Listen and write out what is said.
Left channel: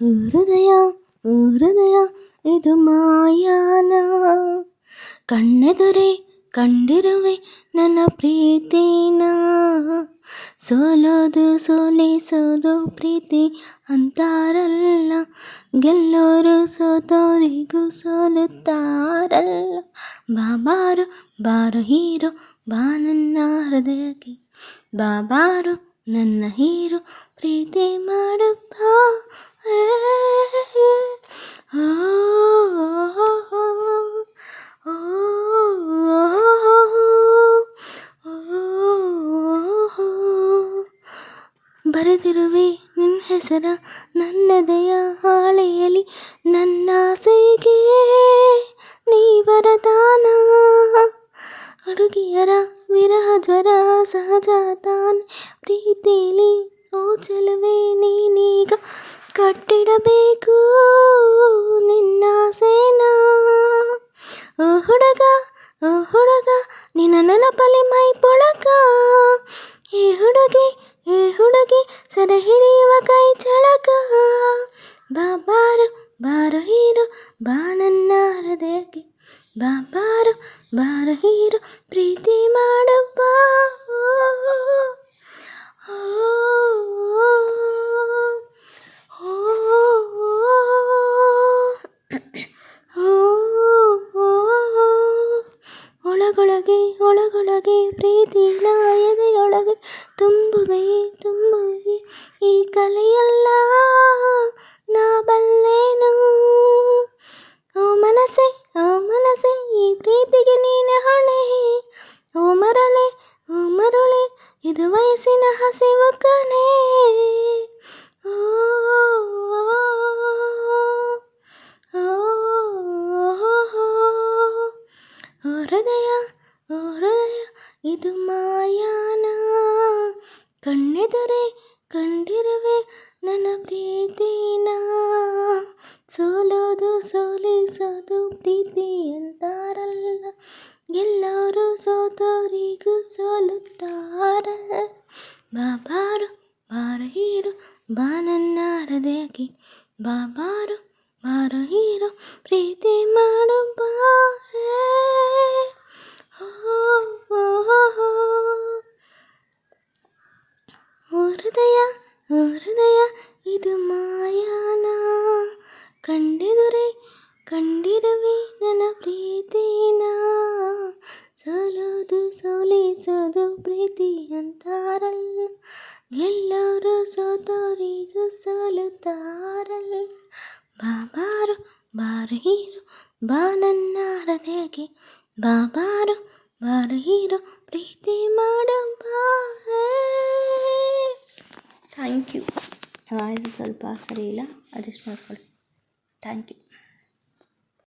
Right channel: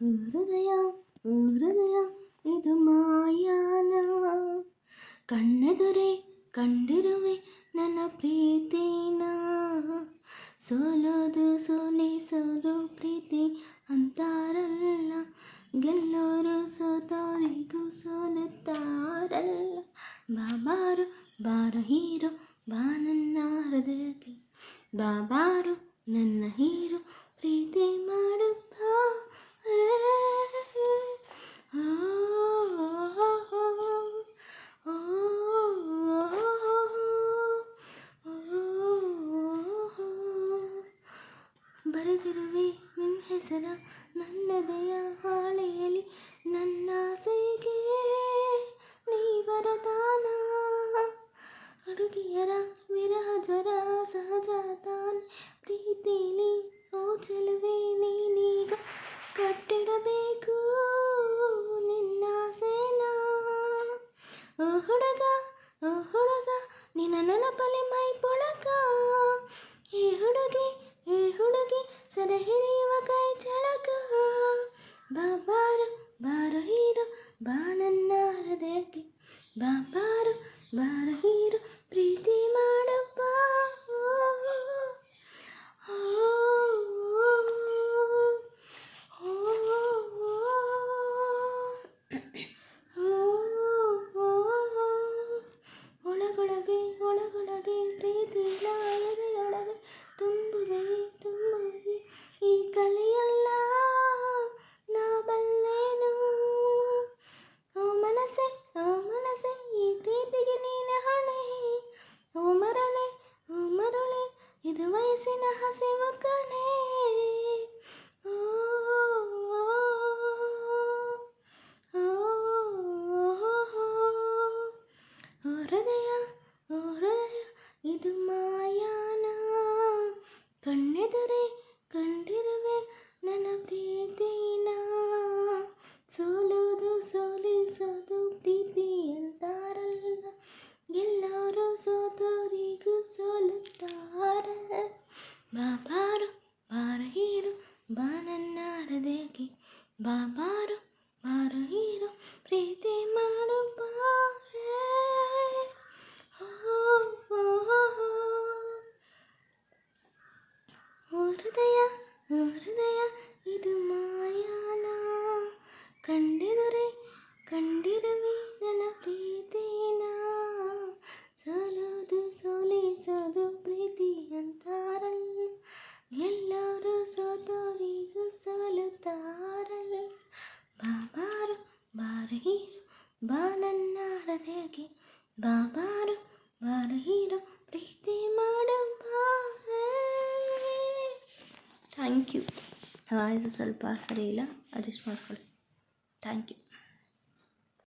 ಹೃದಯ ಹೃದಯ ಇದು ಮಾಯಾನ, ಕಣ್ಣೆದುರೇ ಕಂಡಿರುವೆ ನನ್ನ ಪ್ರೀತಿನ. ಸೋಲೋದು ಸೋಲಿಸೋದು ಪ್ರೀತಿ ಅಂತಾರಲ್ಲ, ಗೆಲ್ಲೋರು ಸೋತೋರಿಗೂ ಸೋಲುತ್ತಾರಲ್ಲ. ಬಾಬಾರು ಬಾರೋ ಹೀರೋ, ಬಾ ನನ್ನ ಹೃದಯಕ್ಕೆ, ಬಾಬಾರು ನನ್ನ ಹೀರೋ, ಪ್ರೀತಿ ಮಾಡಪ್ಪ. ಬರೆದಿರುವೆ ನಿನ್ನ ಹೆಸರ ನನ್ನದೆಯ ಹಾಳೆಯಲಿ, ನನ್ನಾಸೆಗೆ ನೀ ವರದಾನ. ಹುಡುಗಿಯರ ವಿರಹ ಜ್ವರ ಸಹಜ ತಾನೆ ಪ್ರೀತಿಲಿ, ಓ ಚೆಲುವೆ ನೀನೀಗ ಕಟ್ಟಿಡಬೇಕು ನಿನ್ನ ಸೇನಾ. ಓ ಹುಡುಗ ನಿನ್ನ ನೆನಪಲ್ಲಿ ಮೈ ಪೊಳಕ, ಈ ಹುಡುಗಿ ಸೆರೆ ಹಿಡಿಯುವ ಕೈ ಚಳಕ. ಬಾಬಾರು ಬಾರೋ ಹೀರೋ, ಬಾ ನನ್ನ ಹೃದಯಕ್ಕೆ, ಬಾಬಾರು ಬಾರೋ ಹೀರೋ, ಪ್ರೀತಿ ಮಾಡಪ್ಪ. ಒಳಗೊಳಗೆ ಪ್ರೀತಿನ ಎದೆಯೊಳಗೆ ತುಂಬುವೆ ಈ ಕಲೆಯಲ್ಲ ನಾ ಬಲ್ಲೆನು. ಓ ಮನಸ್ಸೆ ಈ ಪ್ರೀತಿಗೆ ನೀನೆ ಹೊಣೆ. ಓ ಮರುಳೆ ಇದು ವಯಸ್ಸಿನ ಹಸಿವು ಕಣೆ. ಹೃದಯ ಇದು ಮಾಯಾನ, ಕಣ್ಣೆದುರೇ ಕಂಡಿರುವೆ ನನ್ನ ಪ್ರೀತಿನ. ಸೋಲೋದು ಸೋಲಿಸೋದು ಪ್ರೀತಿ ಅಂತಾರಲ್ಲ, ಎಲ್ಲರೂ ಸೋತೋರಿಗೂ ಸೋಲುತ್ತಾರಲ್ಲ. ಬಾಬಾರು ಬಾರೋ ಹೀರೋ, ಬಾ ನನ್ನ ಹೃದಯಕ್ಕೆ, ಬಾಬಾರು ಬಾರೋ ಹೀರೋ, ಪ್ರೀತಿ ಮಾಡು ಬಾ. ಹೃದಯ ಇದು ಮಾಯಾನ, ಕಂಡಿರುವೆ ನನ್ನ ಪ್ರೀತಿನ. ಸೋಲೋದು ಸೋಲಿಸೋದು ಪ್ರೀತಿ ಅಂತಾರಲ್ಲ, ಎಲ್ಲರೂ ಸೋತೋರಿಗೂ ಸೋಲುತ್ತಾರಲ್ಲ. ಬಾಬಾರು ಬಾರೋ ಹೀರೋ, ಬಾ ನನ್ನ ಹೃದಯಕ್ಕೆ, ಬಾಬಾರು ಬಾರೋ ಹೀರೋ, ಪ್ರೀತಿ ಮಾಡಪ್ಪ. Thank you. ವಾಯ್ಸು ಸ್ವಲ್ಪ ಸರಿ ಇಲ್ಲ, ಅಡ್ಜಸ್ಟ್ ಮಾಡ್ಕೊಳ್ಳಿ. Thank you.